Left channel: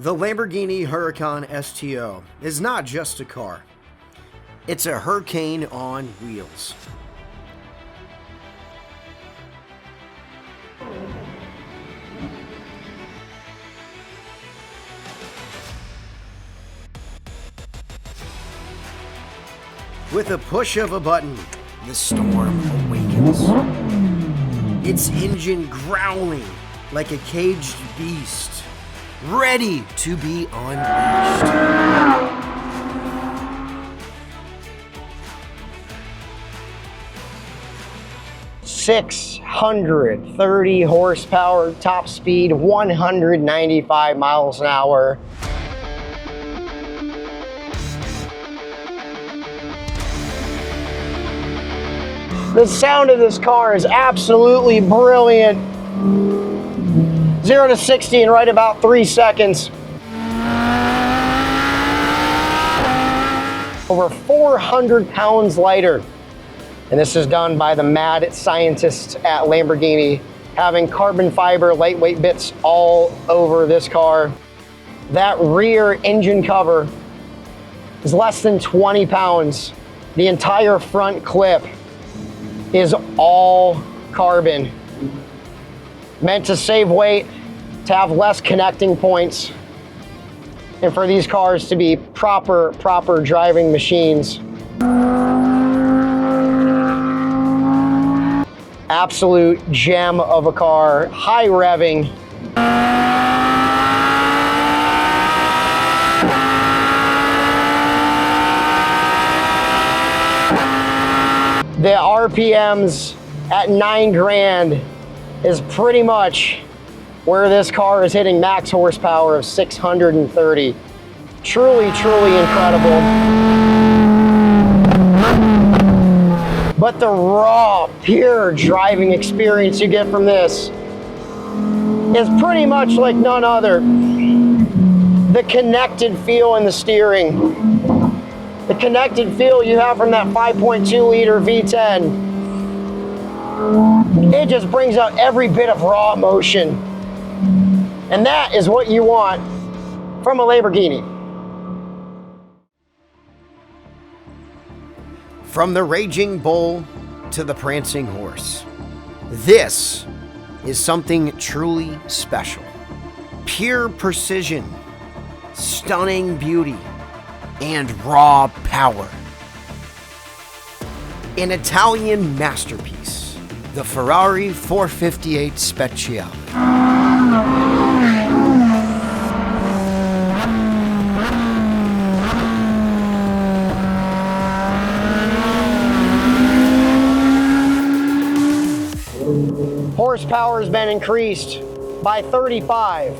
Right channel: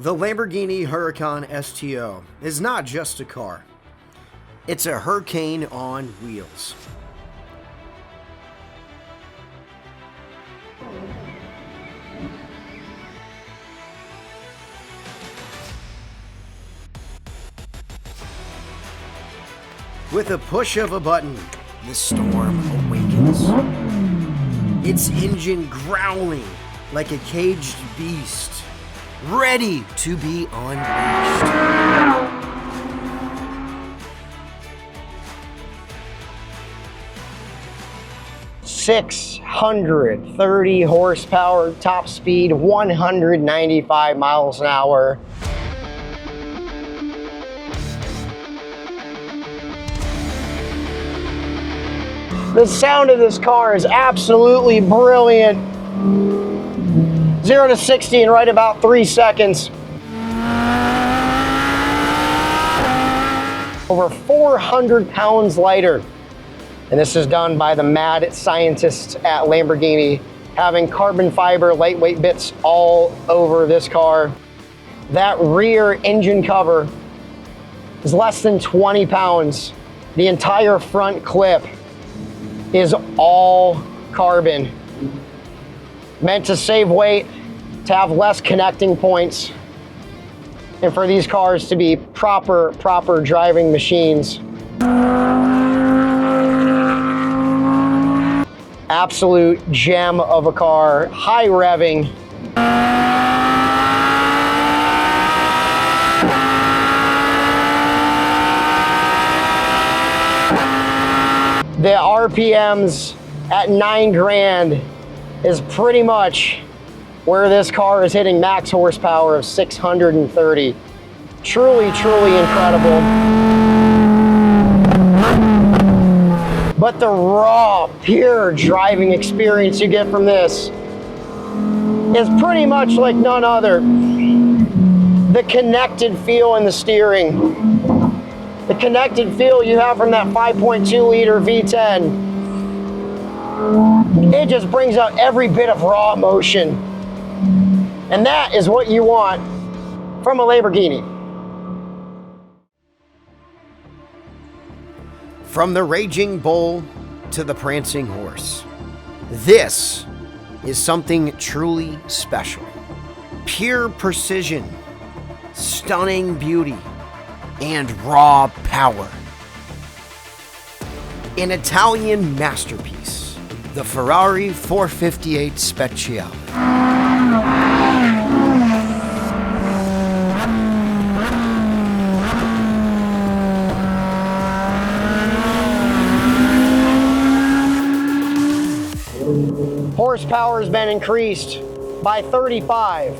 The Lamborghini Huracan STO is not just a car. It's a hurricane on wheels. With a push of a button, the storm awakens. Its engine growling like a caged beast, ready to be unleashed. 630 horsepower, top speed 195 miles an hour. The sound of this car is absolutely brilliant. 0 to 60 in right about 3 seconds. Over 400 pounds lighter. And this is done by the mad scientists at Lamborghini, having carbon fiber lightweight bits all over this car. That rear engine cover is less than 20 pounds. The entire front clip is all carbon, meant to save weight, to have less connecting points, and for these cars to be proper driving machines. Absolute gem of a car, high revving. The RPMs at 9 grand is pretty much where this car is hitting max horsepower of 630. Truly incredible. But the raw, pure driving experience you get from this is pretty much like none other. The connected feel in the steering. The connected feel you have from that 5.2 liter V10. It just brings out every bit of raw emotion. And that is what you want from a Lamborghini. From the raging bull to the prancing horse, this is something truly special. Pure precision, stunning beauty, and raw power. An Italian masterpiece, the Ferrari 458 Speciale. Horsepower has been increased by 35,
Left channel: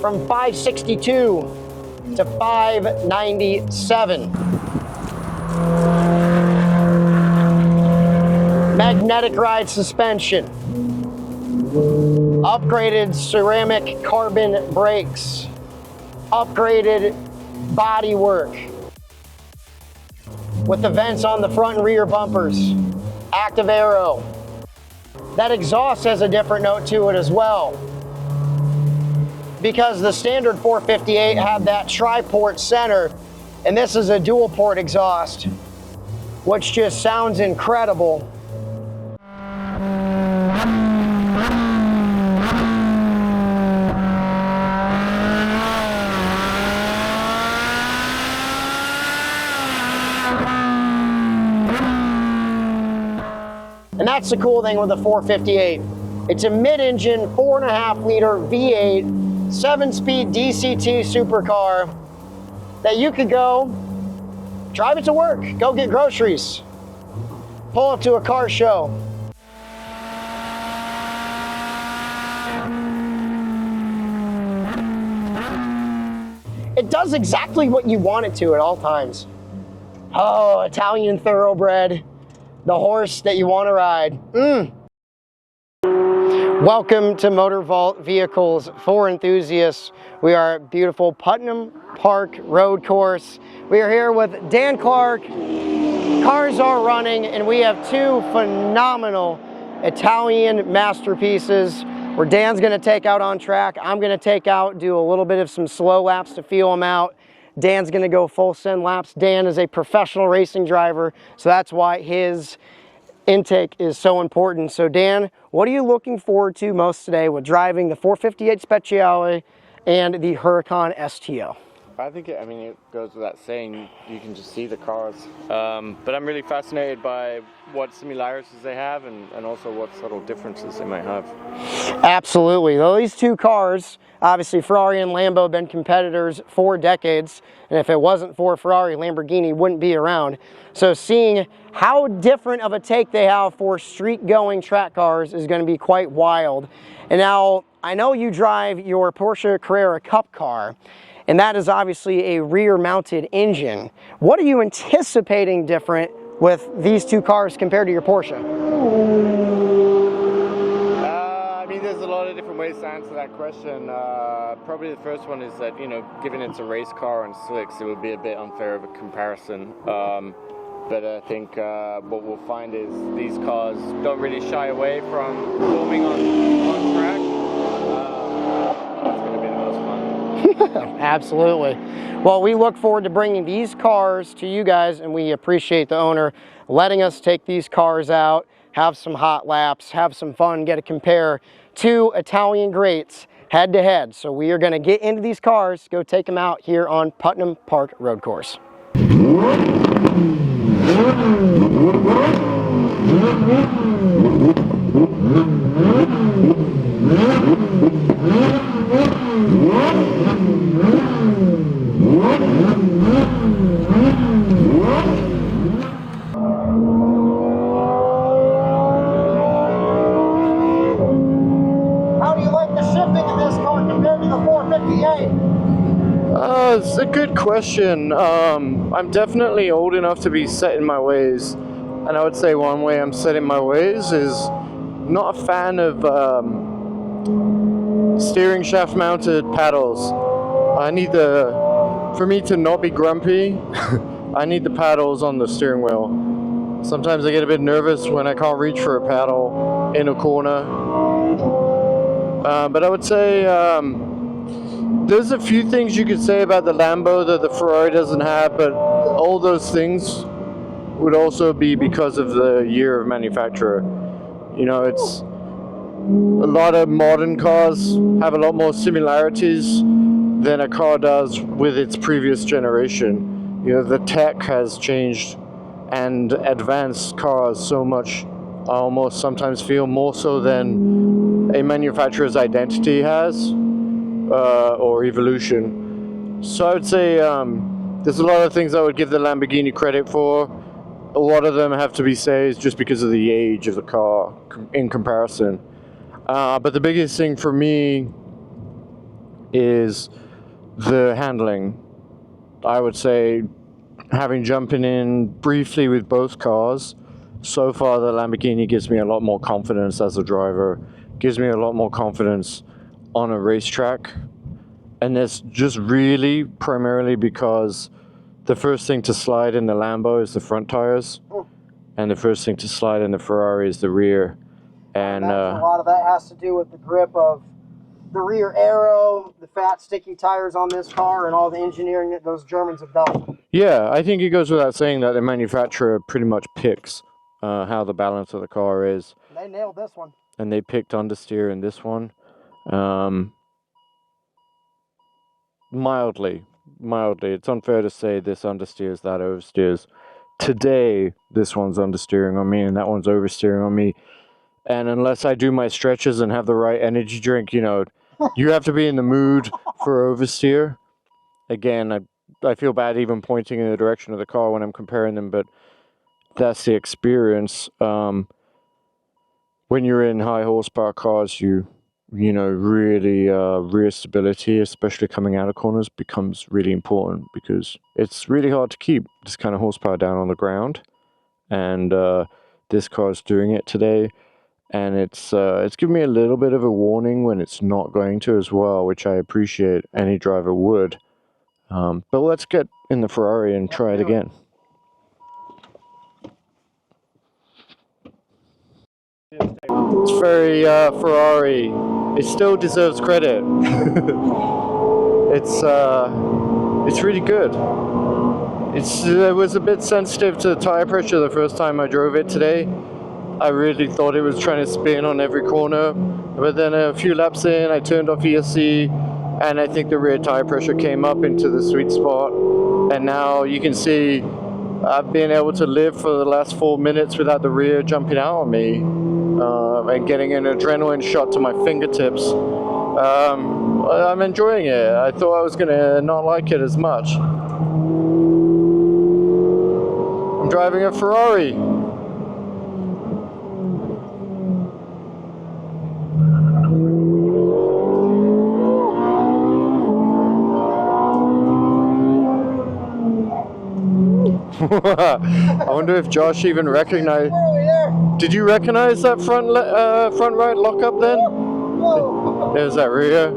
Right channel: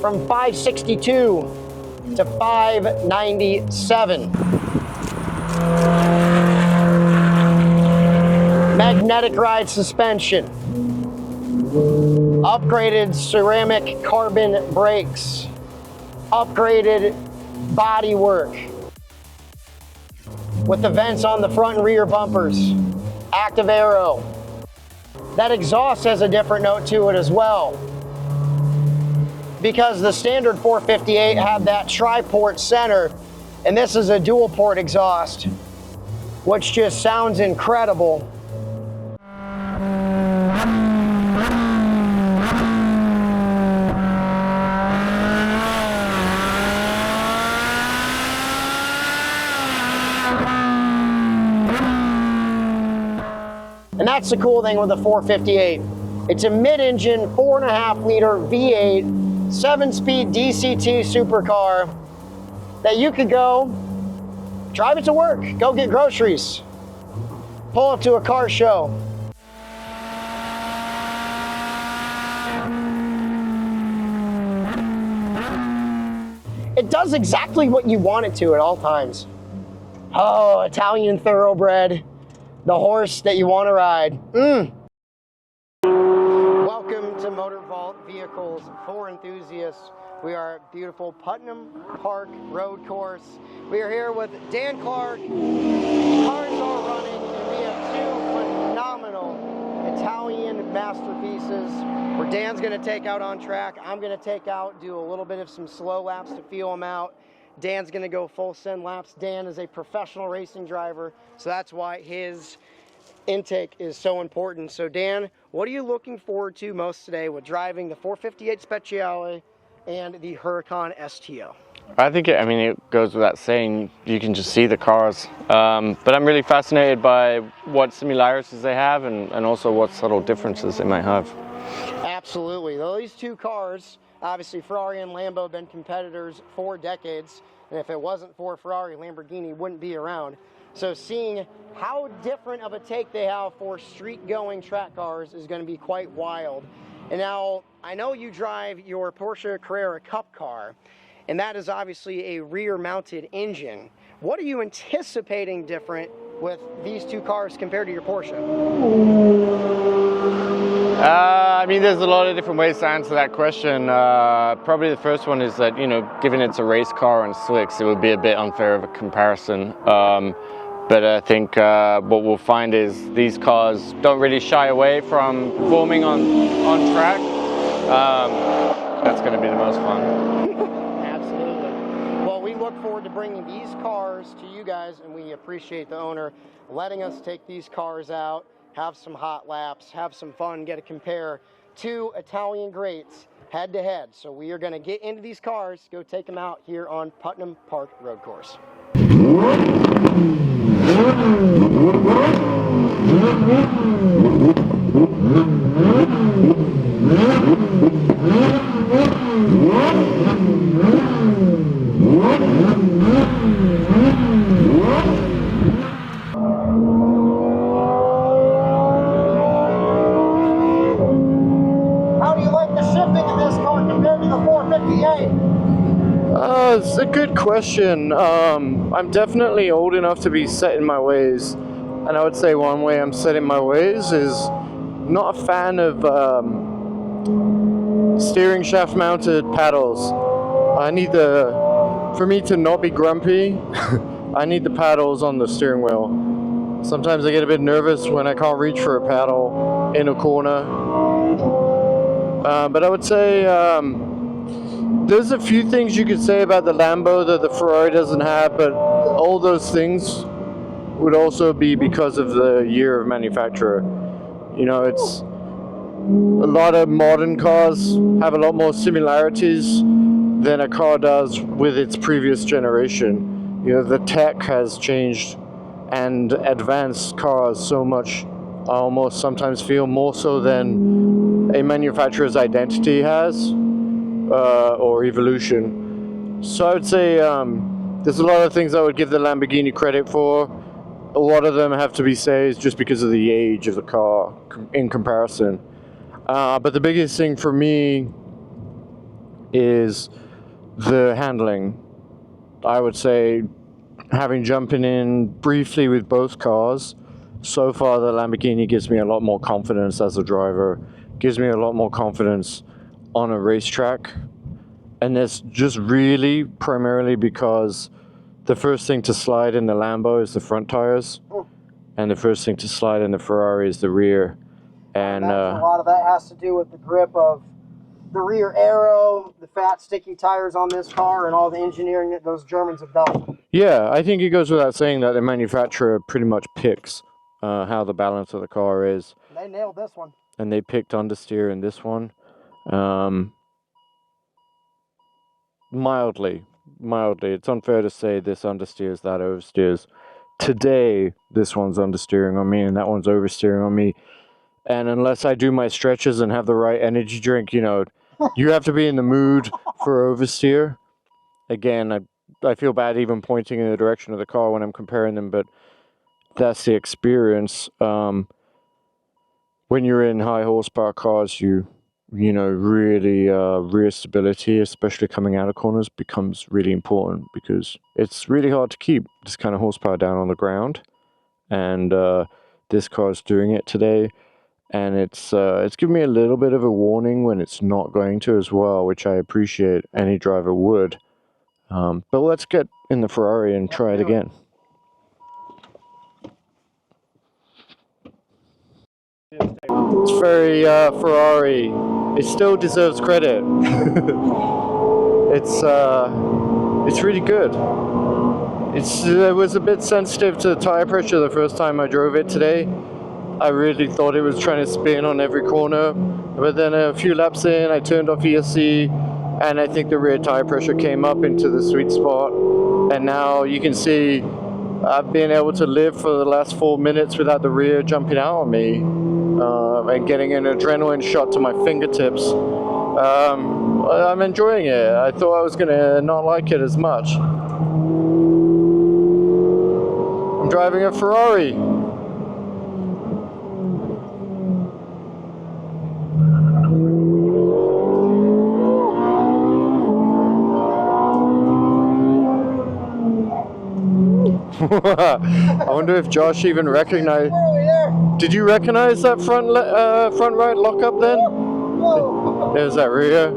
from 562 to 597. Magnetic ride suspension. Upgraded ceramic carbon brakes. Upgraded bodywork. With the vents on the front and rear bumpers. Active aero. That exhaust has a different note to it as well, because the standard 458 had that tri-port center, and this is a dual port exhaust, which just sounds incredible. And that's the cool thing with the 458. It's a mid-engine 4.5 liter V8 7-speed DCT supercar that you could go drive it to work, go get groceries, pull up to a car show. It does exactly what you want it to at all times. Oh, Italian thoroughbred, the horse that you want to ride. Welcome to Motorvault Vehicles for Enthusiasts. We are at beautiful Putnam Park Road Course. We are here with Dan Clarke. Cars are running, and we have two phenomenal Italian masterpieces where Dan's gonna take out on track. I'm gonna take out, do a little bit of some slow laps to feel him out. Dan's gonna go full send laps. Dan is a professional racing driver, so that's why his intake is so important. So Dan, what are you looking forward to most today with driving the 458 Speciale and the Huracan STO? I think it goes without saying, you can just see the cars. But I'm really fascinated by what similarities they have and also what subtle differences they might have. Absolutely. Well, these two cars, obviously Ferrari and Lambo have been competitors for decades. And if it wasn't for Ferrari, Lamborghini wouldn't be around. So seeing how different of a take they have for street-going track cars is going to be quite wild. And now, I know you drive your Porsche Carrera Cup car, and that is obviously a rear-mounted engine. What are you anticipating different with these two cars compared to your Porsche? There's a lot of different ways to answer that question. Probably the first one is that, given it's a race car on slicks, it would be a bit unfair of a comparison. But I think what we'll find is these cars don't really shy away from performing on track. That's going to be the most fun. Absolutely. Well, we look forward to bringing these cars to you guys, and we appreciate the owner letting us take these cars out, have some hot laps, have some fun, get to compare two Italian greats head to head. So we are going to get into these cars, go take them out here on Putnam Park Road Course. How do you like the shifting in this car compared to the 458? It's a good question. I'm definitely old enough to be set in my ways, and I would say one way I'm set in my ways is not a fan of steering shaft mounted paddles. For me to not be grumpy, I need the paddles on the steering wheel. Sometimes I get a bit nervous when I can't reach for a paddle in a corner. But I would say there's a few things you could say about the Lambo that the Ferrari doesn't have, but all those things would also be because of the year of manufacturer. It's a lot of modern cars have a lot more similarities than a car does with its previous generation. The tech has changed and advanced cars so much, I almost sometimes feel more so than a manufacturer's identity has. Or evolution. So I would say there's a lot of things I would give the Lamborghini credit for. A lot of them have to be saved just because of the age of the car in comparison. But the biggest thing for me is the handling. I would say, having jumping in briefly with both cars, so far the Lamborghini gives me a lot more confidence as a driver, gives me a lot more confidence on a racetrack, and that's just really primarily because the first thing to slide in the Lambo is the front tires, and the first thing to slide in the Ferrari is the rear. And a lot of that has to do with the grip of the rear aero, the fat sticky tires on this car, and all the engineering that those Germans have done. Yeah, I think it goes without saying that the manufacturer pretty much picks how the balance of the car is. They nailed this one. And they picked understeer in this one. Mildly. It's unfair to say this understeers, that oversteers. Today, this one's understeering on me and that one's oversteering on me. And unless I do my stretches and have the right energy drink, you have to be in the mood for oversteer. Again, I feel bad even pointing in the direction of the car when I'm comparing them, but that's the experience. When you're in high horsepower cars, really rear stability, especially coming out of corners, becomes really important because it's really hard to keep this kind of horsepower down on the ground. And this car's doing it today. And it's given me a little bit of a warning when it's not going to as well, which I appreciate. Any driver would. But let's get in the Ferrari and try it again. It's very Ferrari. it still deserves credit. It's really good. It was a bit sensitive to tire pressure the first time I drove it today. I really thought it was trying to spin on every corner, but then a few laps in, I turned off ESC, and I think the rear tire pressure came up into the sweet spot. And now you can see I've been able to live for the last 4 minutes without the rear jumping out on me and getting an adrenaline shot to my fingertips. I'm enjoying it. I thought I was going to not like it as much. I'm driving a Ferrari. I wonder if Josh even recognized. Did you recognize that front right lockup then? There's that rear.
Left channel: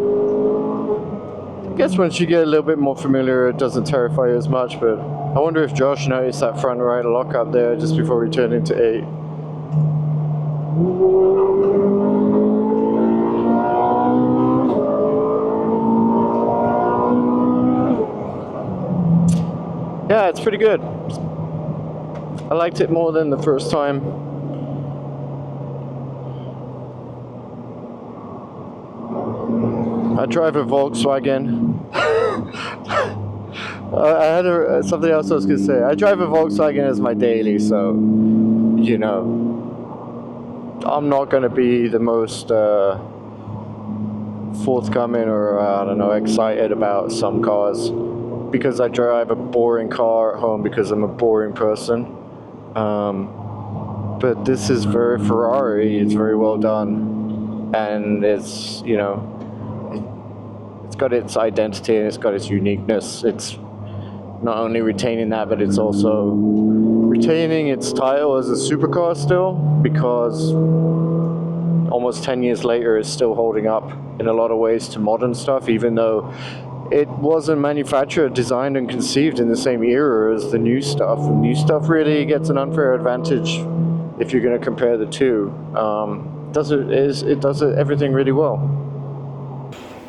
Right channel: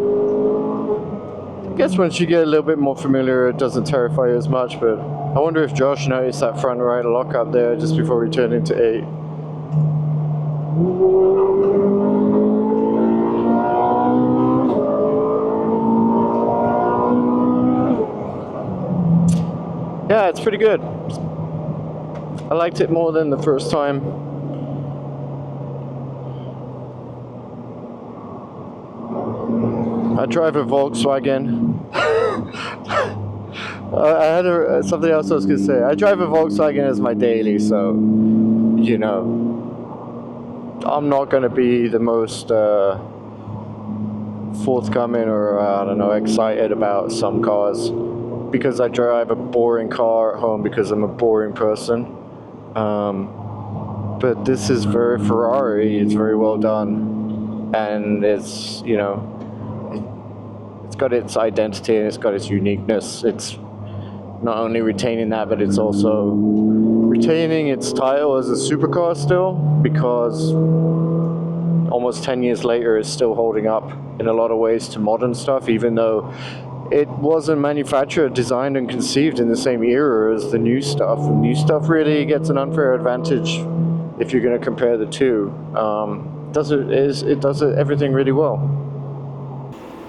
I guess once you get a little bit more familiar, it doesn't terrify you as much, but I wonder if Josh noticed that front right lockup there just before we turned into 8. Yeah, it's pretty good. I liked it more than the first time. I drive a Volkswagen. I had something else I was going to say. I drive a Volkswagen as my daily, so, you know, I'm not going to be the most forthcoming or, I don't know, excited about some cars because I drive a boring car at home because I'm a boring person. But this is very Ferrari. It's very well done. And it's, you know, it's got its identity and it's got its uniqueness. It's not only retaining that, but it's also retaining its title as a supercar still, because almost 10 years later it's still holding up in a lot of ways to modern stuff, even though it wasn't manufactured, designed and conceived in the same era as the new stuff. The new stuff really gets an unfair advantage if you're going to compare the two. It does everything really well.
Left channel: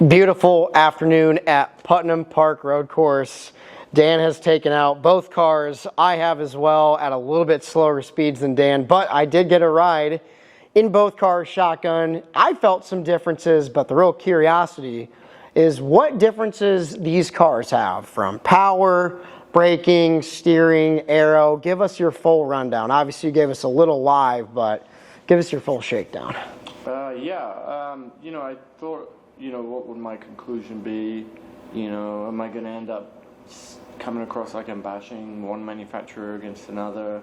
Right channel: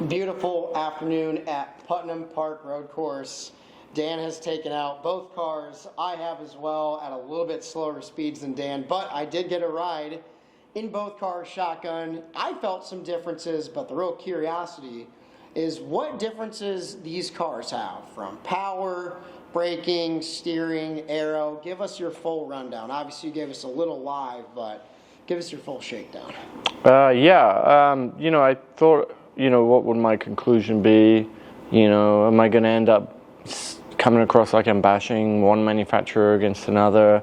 Beautiful afternoon at Putnam Park Road Course. Dan has taken out both cars. I have as well at a little bit slower speeds than Dan, but I did get a ride in both cars shotgun. I felt some differences, but the real curiosity is what differences these cars have from power, braking, steering, aero. Give us your full rundown. Obviously you gave us a little live, but give us your full shakedown. You know, I thought, you know, what would my conclusion be? You know, am I going to end up coming across like I'm bashing one manufacturer against another?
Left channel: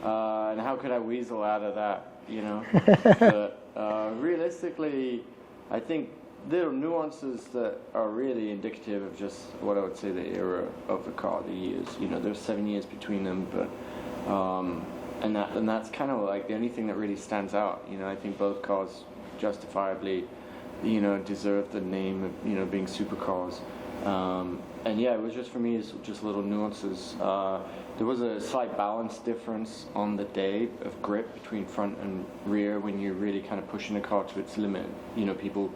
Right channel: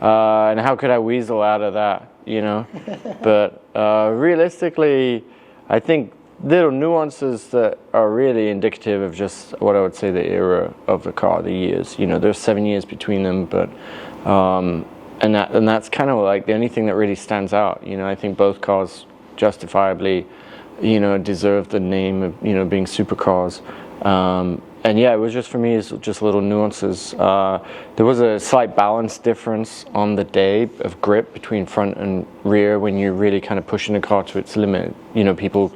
And how could I weasel out of that, you know? But realistically, I think little nuances that are really indicative of just what I would say the era of the car, the years. You know, there's 7 years between them, but and that's kind of like the only thing that really stands out. You know, I think both cars justifiably, you know, deserve the name of, you know, being supercars. And yeah, it was just, for me, it's just little nuances. There was a slight balance difference on the day of grip between front and rear when you're really kind of pushing the car to its limit. You know, people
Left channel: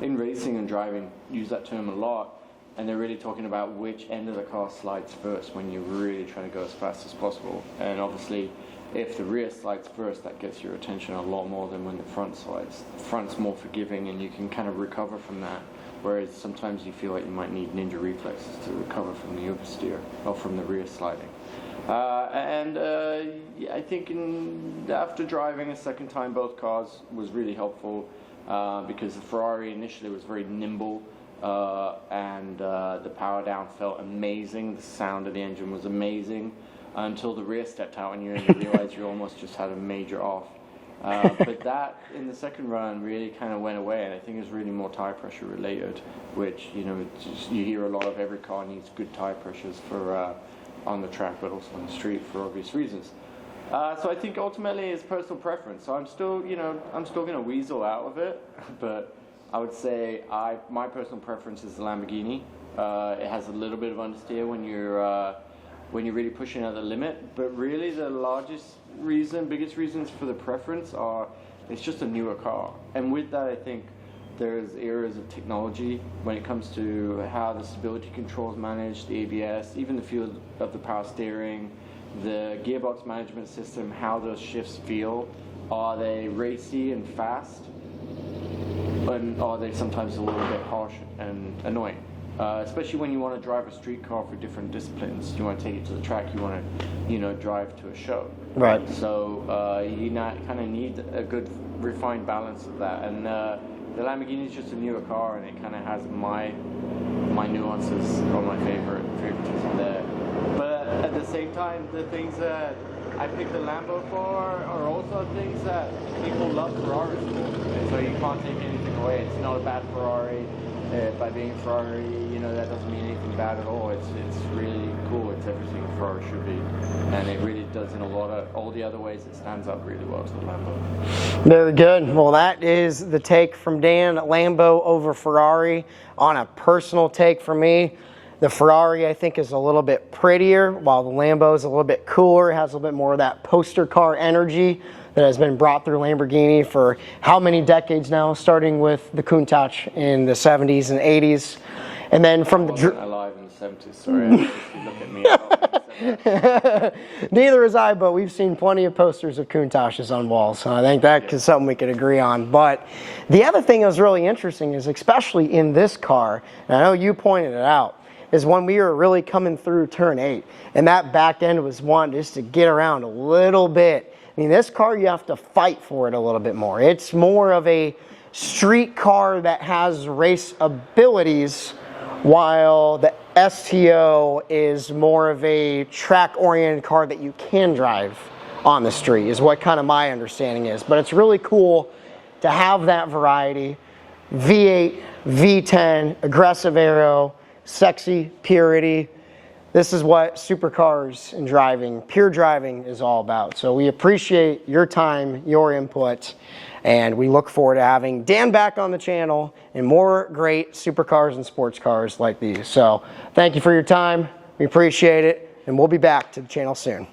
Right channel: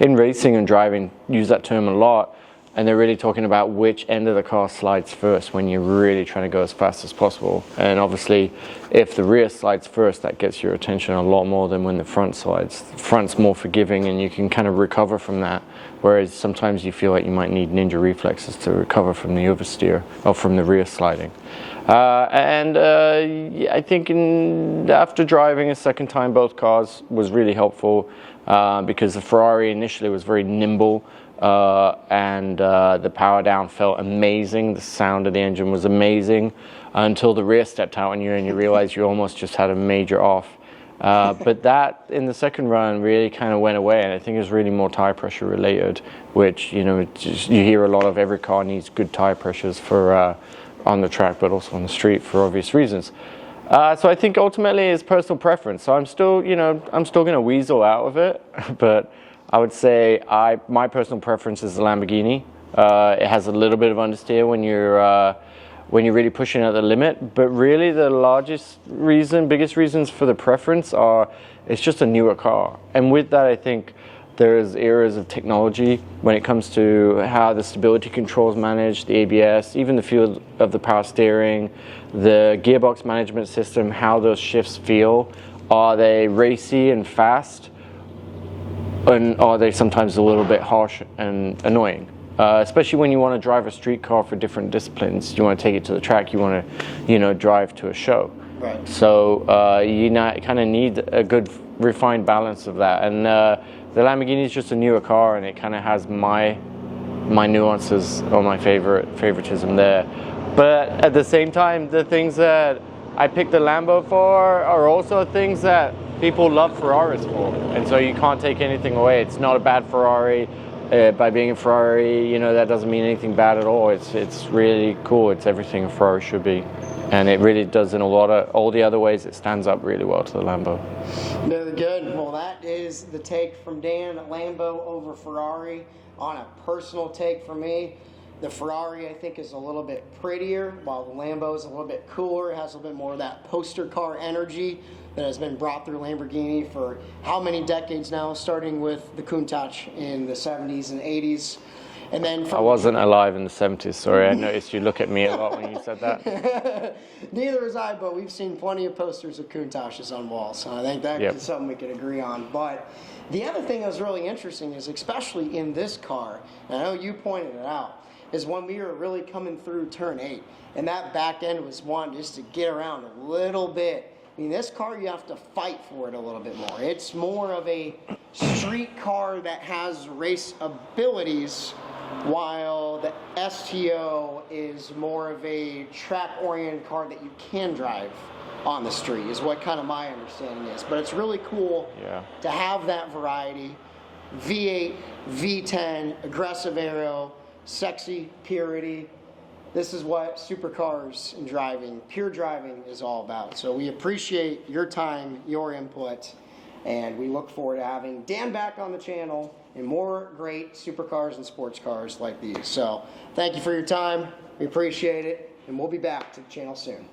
in racing and driving use that term a lot, and they're really talking about which end of the car slides first when you're really trying to go as fast as possible. And obviously, if the rear slides first, that gets your attention a lot more than when the front slides. The front's more forgiving and you can kind of recover from that, whereas sometimes you feel like you might need ninja reflexes to recover from the oversteer or from the rear sliding. I think after driving a second time both cars was really helpful because the Ferrari initially was very nimble. The power down felt amazing. The sound of the engine was amazing until the rear stepped out on you and you realized you almost just had a major off. But that in the second run really kind of went away, and I think it was really more tire pressure related, which, you know, you hear a lot of. Every car needs good tire pressures for on the track, but also on the street for obvious reasons. So I think ultimately it's personal preference. So I'm still going to weasel out of it, but I would say my personal preference is the Lamborghini. It has a little bit of understeer when you're really pushing at the limit, but really the biggest reasons for the preference are it's just a newer car. And with that, I think There's areas of technology when it comes to how the stability control is managed, the ABS, even the feel of the power steering, the gearbox management system, how those shifts feel. Are they racy and fast? And are they sometimes a little bit harsh and annoying? Especially when you want to drive a street car for different disciplines. You want to take it to the track, you want to, drive to a show. Right. So you kind of need a good refined balance of that. And the Lamborghini is just a newer car, and it kind of has my nuances or my favoritism there. But at the same time, the things that I picked the Lambo for are also things that people love Ferraris for. And so you can't take anything away. It's not a bad Ferrari. By being a Ferrari, that doesn't mean anything bad at all. It's really cool. It's everything a Ferrari should be. And it really does in all the other ways. It stands up really well to the Lambo. Very good. Well, that is the take from Dan. Lambo over Ferrari. On a personal take for me, the Ferrari I think is a little bit prettier, while the Lambo is a little bit cooler. It has a little bit more of that poster car energy that has been brought through Lamborghini for how many decades now, starting with the Countach in the 70s and 80s. And then from I wasn't alive in the 70s, sorry. I noticed you look at me a lot when you said that. Neither is I, but we've seen plenty of posters of Countaches on walls. So I think that is something we could agree on. But the other thing that was really interesting is, especially in this car, and I know you pointed it out, is when we were really coming through turn 8, and that back end was wanting just to get around a little bit. I mean, this car, you have to fight for it a little bit more. It's more of a street car that has race abilities, while the STO is more of a track-oriented car that you can drive on the street, is what kind of my understanding is. But it's really cool to have that variety. V8, V10, aggressive aero, sexy purity. This is what supercars and driving, pure driving, is all about. So we appreciate your time, your input, and we look forward to having Dan back on the channel and more great supercars and sports cars like these. So thank you for your time. We appreciate it, and we'll be back to the channel soon.